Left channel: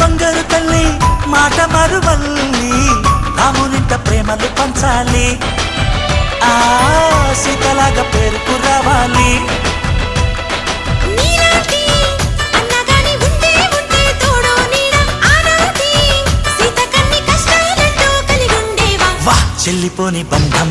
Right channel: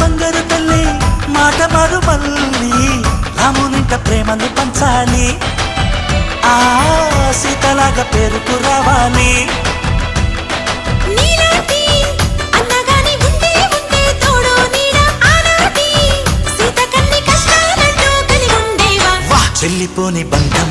బంగారు తల్లి మాట పరువల్లి రామునింట ప్రేమలు పంచాలి ఆ సీతలాగా పేరుకు రావాలి చెల్లిపోని బంధం